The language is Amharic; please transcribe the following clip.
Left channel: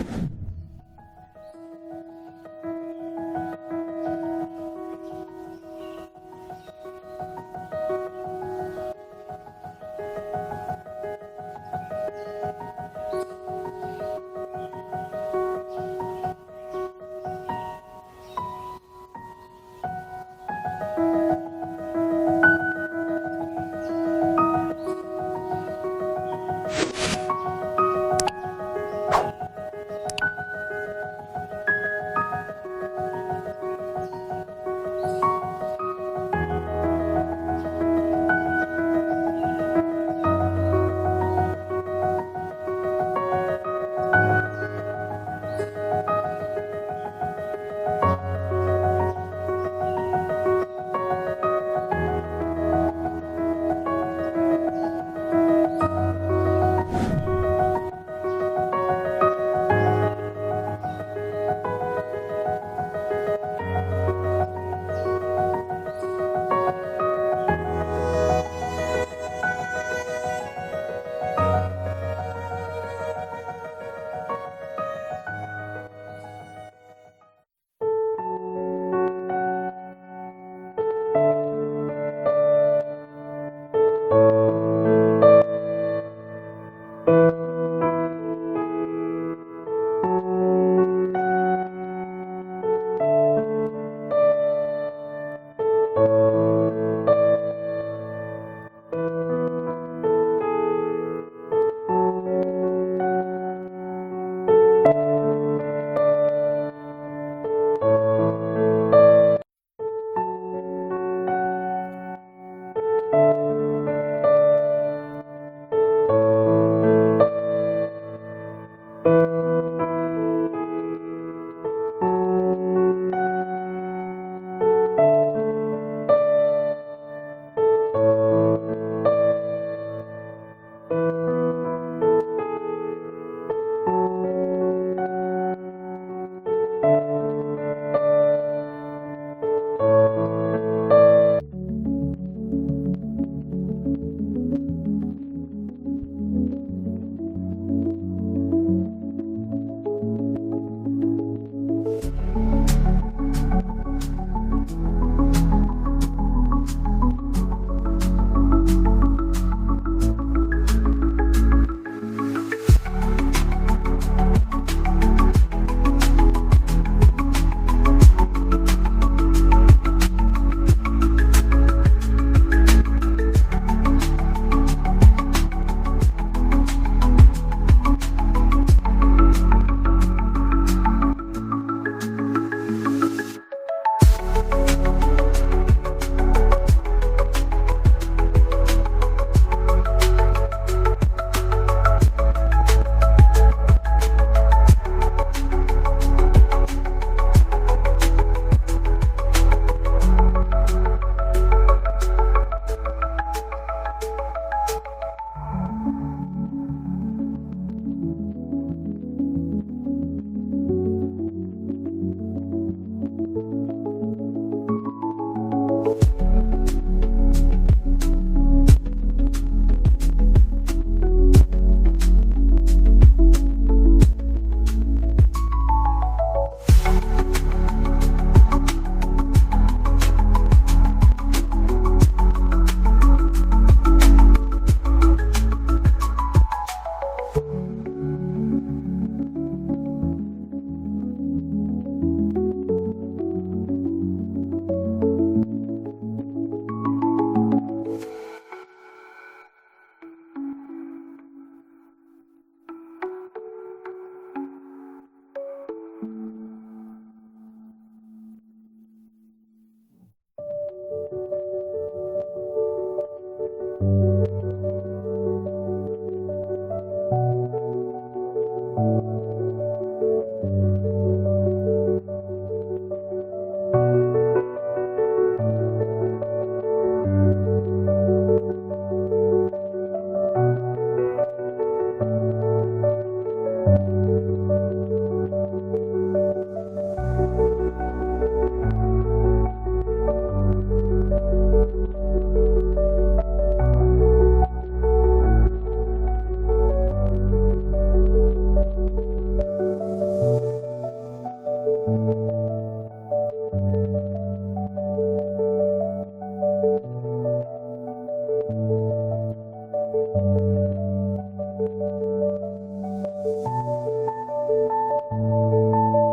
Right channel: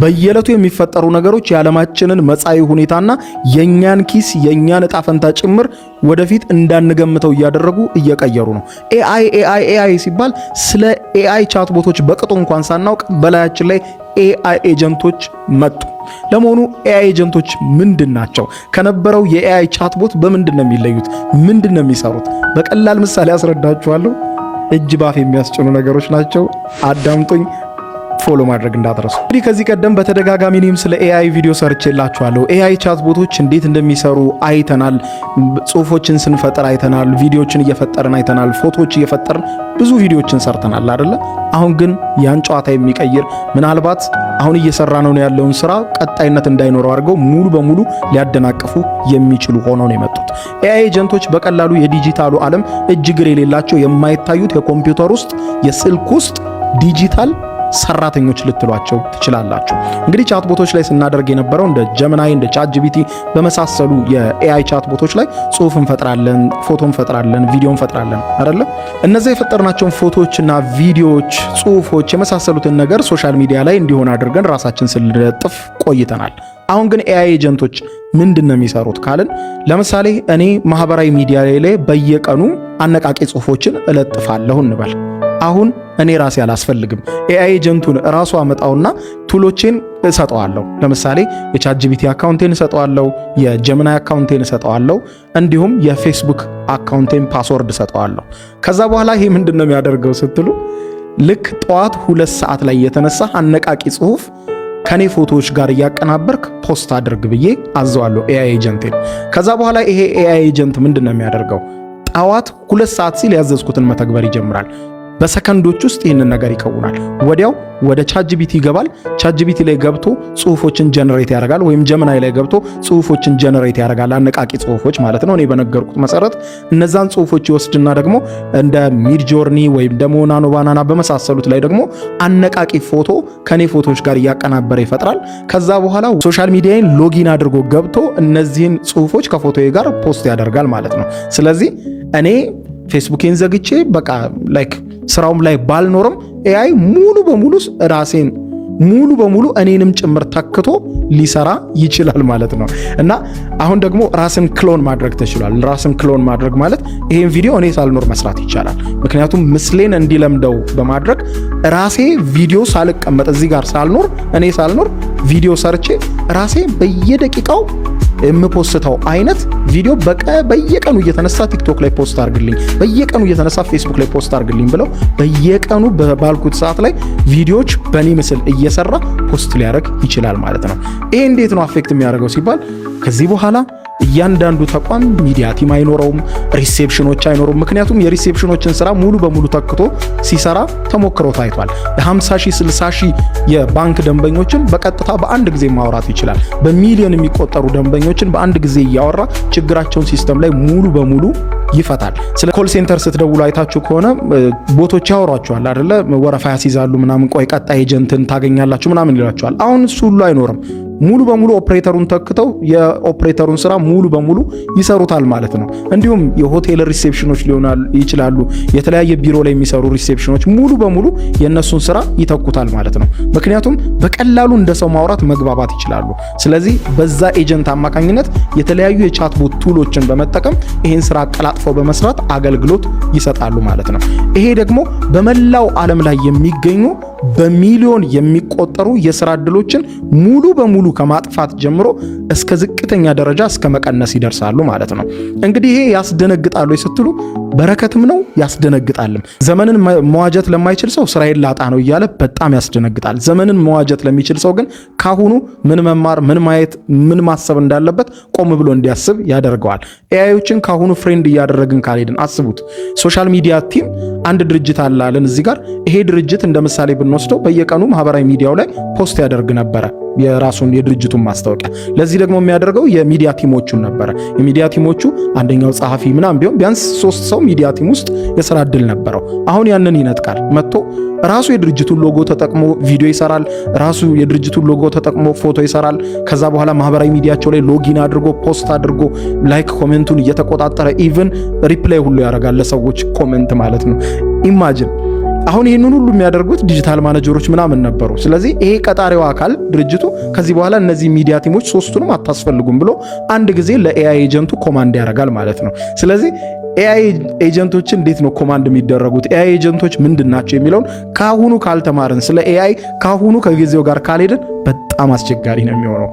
በየለቱ የሚፈጠሩ ነገሮች የዓለማችንን መጻኢ ሁኔታና የኛን ኪስ የኛን ዕጣ ፈንታ ጭምር ወደፊት እንዳንገምተው እያደረጉ እየቀየሩ ነው። ኤአይ ሲባል ስለ ኤአይ ቻትቦቶች በቅጡ እንኳን ሳናውቅ በላያችን ላይ ኤአይ ኤጀንቶች መጡ። ለመሆኑ ኤአይ ኤጀንቶች ምንድን ናቸው? ከነበረው የኤአይ ቻትቦት በምንድን ነው የሚለዩት? ምንድን ነው የሚሰሩት? በቀላል ምሳሌ አስረዳችኋለሁ። እጅ ባፍ የሚያስጭኑ ነገሮች ናቸው። አዳምጡኝ። ፎሎ ማድረግ እንዳትረሱ። እንግዲህ ከዚህ ቀደም በተደጋጋሚ እኔም ስለ ኤአይ ቪዲዮ ሰርቼላችኋለሁ። ኤአይ ቻትቦቶች እንዴት እንደሚሰሩ አይተናል። ጽሁፎችን ስንፈጥር አይተናል። ቪዲዮዎችን እየፈጠርን አይተናል። ፎቶዎች እየፈጠርን ብዙ ቪዲዮዎችን ሰርተናል አይደለ? አሁን ግን ያን ጨዋታ የሚቀይር ምናልባት አሁን እየሰራ ነው ያለውን ስራ ቀጣይነት እንዳይኖረው አድርገው ሙሉ በሙሉ ሊያደናቅፉ የሚችሉ ሆነው ነው የመጡት። ኤአይ ኤጀንቶች በቀላሉ የዲጂታሉ ዓለም እጅግር የሌላቸው የማይታዩት የኮምፒውተር ውስጥ የስልክ ውስጥ ዲጂታል ሰራተኞች ልትሏቸው ትችላላችሁ። እንግዲህ ቻትቦቶች ላይ ስናደርግ የነበረው እንደ ጀሚናይ እንደ ቻትጂፒቲ በመሳሰሉ የኤአይ ቻትቦቶች ላይ ጽሁፍ እንፈጥራለን፣ ፎቶ እንፈጥራለን፣ ቪዲዮ እንፈጥራለን አይደለ? እነዚህ የፈጠርናቸውን ፎቶዎችና ቪዲዮዎች፣ ጽሁፎች የመሳሰሉትን ነገር ሶሻል ሚዲያ ላይ እንዲሆን አድርገን ራሳችን ስንለጥፍ ቆይተናል። አሁን ግን ኤአይ ኤጀንቶች ምንድን ነው የሚሰሩት ካልን ለምሳሌ እኔ ማህበራዊ ሚዲያ ላይ በየቀኑ አነቃቂ ጽሁፎችን እለጥፋለሁ እንበል። አሁን እኔ ራሴ አላስፈልግም። ኤአይ ኤጀንቱን ራሱ አመጣውና ቱሎቼን እሰጠዋለሁ። ለምሳሌ የቻትጂፒቲ አካውንቴን እሰጠዋለሁ፣ የጀሚናይ አካውንቴን እሰጠዋለሁ፣ እንዲሁም የፌስቡክ አካውንቴን ፓስወርድ እሰጠዋለሁ። ከዛ በኋላ ይሄ ምንድን ነው የሚያደርገው ስትሉ ልክ ጠዋት 2 ሰዓት ላይ የተነሳ አነቃቂ ጽሁፍ ከኔ ፎቶዎች ጋር እያቀናበርክ ፖስት አድርግ ብዬ አዘዋለሁ ኤአይ ኤጀንቴን። ከዛ በኋላ ይሄ ኤአይ ኤጀንት ምንድን ነው የሚያደርገው? ጠዋት 2 ሰዓት ሲል ያዘዝኩትን መተግበር ይጀምራል። በሰከንዶች ውስጥ ይህንን ነገር ይከውናል። ወዲያው ወደ ቻትጂፒቲ ይገባል። ቻትጂፒቲ ላይ ገብቶ ጽሁፎችን ጀነሬት ያደርጋል፣ ወይም ጀሚናይ ላይ ገብቶ ጽሁፎችን ጀነሬት ያደርጋል። አነቃቂ ጽሁፎች ማለት ነው። እኔ በነገርኩት መሰረት እነዛን ጽሁፎች ይወስድና ደግሞ እንደ ሚድጆርኒ ወይም ደግሞ ናኖ ባናና በመሳሰሉት ላይ ደግሞ አነቃቂ ፎቶ ከኔ ፎቶዎች ጋር እያቀናበረ ይፈጥራል። ከዛ በኋላ ሶሻል ሚዲያን ሎጊን አድርጎ ገብቶ እነዚህን ጽሁፎች ከፎቶዬ ጋር ፖስት ያደርጋል ማለት ነው። ስለዚህ እኔ ፌስቡኬን ዘግቼ በቃ ላይክ ስራውም ላይ ባልኖርም ኤአይ ሙሉ በሙሉ እኔንም ጭምር ተክቶ ሊሰራ ይችላል ማለት ነው። እና አሁን ደግሞ ራስን ክሎን ማድረግ ተችሏል። ራስን ክሎን ማድረግ ማለት ይሄን ቪዲዮ እኔ ሳልኖር መስራት ይቻላል። ምክንያቱም ምስሌን እንዲለምደው በማድረግ ራሴ ቪዲዮ ሳልቀመጥ እዚህ ጋር ሳልኖር እኔ ሳልኖር ቪዲዮ ሰርቼ ራሴ በየደቂቃው የምፖስተው አይነት ቪዲዮ በየቀኑ እየተነሳ ቲክቶክ ላይ ፖስት አድርግልኝ፣ በየቀኑ እየተነሳ ፌስቡክ ላይ ፖስት አድርግልኝ ብለው በየቀኑ ባልኩት ሰዓት ላይ ቪዲዮዎች በኔ ምስል እየሰራ ፖስት ሊያደርግ ይችላል ማለት ነው። ይሄ እንዴት ነው አፌክት የሚያደርገው ሲባል ከዚህ በኋላ እያንዳንዱ ተቋም ሚዲያ ቲም አይኖረውም፣ ሪሴፕሽኖች አይኖሩም። ምክንያቱም የሪሴፕሽኖችን ስራ ሙሉ በሙሉ ተክቶ ሲሰራ ተሞክሮ ታይቷል። የ50 ሺህ 60 ሺህ የባንክ ደንበኞችን በቀጥታ በአንድ ጊዜ ማውራት ይችላል። በሚሊዮን የሚቆጠሩ ደንበኞችን በአንድ ጊዜ እያወራ ችግራቸውን ሲስተም ላይ ሙሉ በሙሉ ይፈታል። ስለ ኮል ሴንተር ስትደውሉ አይታችሁ ከሆነ ቦቶች ያወሯቸዋል አይደለ? ወረፋ ያስይዛሉ ምናምን፣ ቆይ ቀጣይ ኤጀንትን ታገኛላችሁ ምናምን ይላቸዋል። አሁን እሱ ሁሉ አይኖርም። ሙሉ በሙሉ ኦፕሬተሩን ተክተው የኦፕሬተሩን ስራ ሙሉ በሙሉ ይሰሩታል ማለት ነው። እንዲሁም የሆቴል ሪሴፕሽኖች ሊሆናሉ ይችላሉ፣ የተለያየ ቢሮ ላይ የሚሰሩ ሪሴፕሽኖች ሙሉ በሙሉ የነሱን ስራ ይተኩታል ማለት ነው። ምክንያቱም በቀላሉ እንደ ሰው ማውራት መግባባት ይችላሉ። ስለዚህ በዛ ኤጀንት አማካኝነት የተለያዩ የቻትቦት ቱሎችን በመጠቀም ይህን ስራ አቀላጥፈው በመስራት አገልግሎት ይሰጣሉ ማለት ነው። ይሄ ደግሞ በመላው ዓለም ላይ የሚገኙ በሚሊዮን የሚቆጠሩ የሥራ ዕድሎችን ሙሉ በሙሉ ከማጥፋት ጀምሮ እስከ ዝቅተኛ ደረጃ እስከ መቀነስ ይደርሳሉ ማለት ነው። እንግዲህ ይሄ ያስደነግጣሉ ስትሉ በረከትም ነው ያስደነግጣልም። ዘመንን መዋጀት ለማይችል ሰው ስራዬን ላጣ ነው እያለ በጣም ያስደነግጣል። ዘመንን መዋጀት ለሚችል ሰው ግን ካሁኑ ምን መማር፣ ምን ማየት፣ ምን ማሰብ እንዳለበት ቆም ብሎ እንዲያስብ ያደርገዋል። ኤአይዎችን ካሁኑ ፍሬንድ እያደረግን ካልሄድን አስቡት። ሶሻል ሚዲያ ቲም አንድ ድርጅት አላለን እዚህ ጋር። ይሄ ድርጅት እንደ ምሳሌ ብንወስደው በየቀኑ ማህበራዊ ሚዲያው ላይ ፖስት ያደርግ ነበረ የራሱን የድርጅቱን ማስታወቂያ። ለዚህ ደግሞ የሚያደርገው የሚዲያ ቲሞቹን ነበረ። የሚዲያ ቲሞቹ አንደኛው ጸሐፊ ምናምን ቢሆን ቢያንስ 3 ሰው ሚዲያ ቲም ውስጥ የሥራ ዕድል ነበረው። አሁን ያንን ይነጥቃል። መጥቶ ራሱ የድርጅቱን ሎጎ ተጠቅሞ ቪዲዮ ይሰራል። ራሱ የድርጅቱን ሎጎ ተጠቅሞ ፎቶ ይሰራል። ከዛ በኋላ ማህበራዊ ሚዲያቸው ላይ ሎጊን አድርጎ ፖስት አድርጎ ላይክ ኮሜንቱን እየተቆጣጠረ ኢቭን ሪፕላይ ሁሉ ያደርጋል ለሰዎች ኮሜንት ማለት ነው። ኢማጂን አሁን ይህንን ሁሉ የሚያደርጉት ዲጂታል ማኔጀሮች ምናምን ነበሩ። ስለዚህ ይሄ ቀጣሪው አካል ድርጅቱ ከዚህ በኋላ እነዚህ ሚዲያ ቲሞች ሶስቱንም አታስፈልጉም ብሎ አንድ ጊዜ ለኤአይ ኤጀንቱ ኮማንድ ያደርጋል ማለት ነው። ስለዚህ ኤአይ ኤጀንቶችን እንዴት ነው ኮማንድ የሚደረጉት፣ ኤአይ ኤጀንቶች ምንድን ናቸው የሚለውን ካሁኑ ካልተማርን፣ ስለ ኤአይ ካሁኑ ከጊዜው ጋር ካልሄድን በጣም አስቸጋሪ ነው የሚሆነው።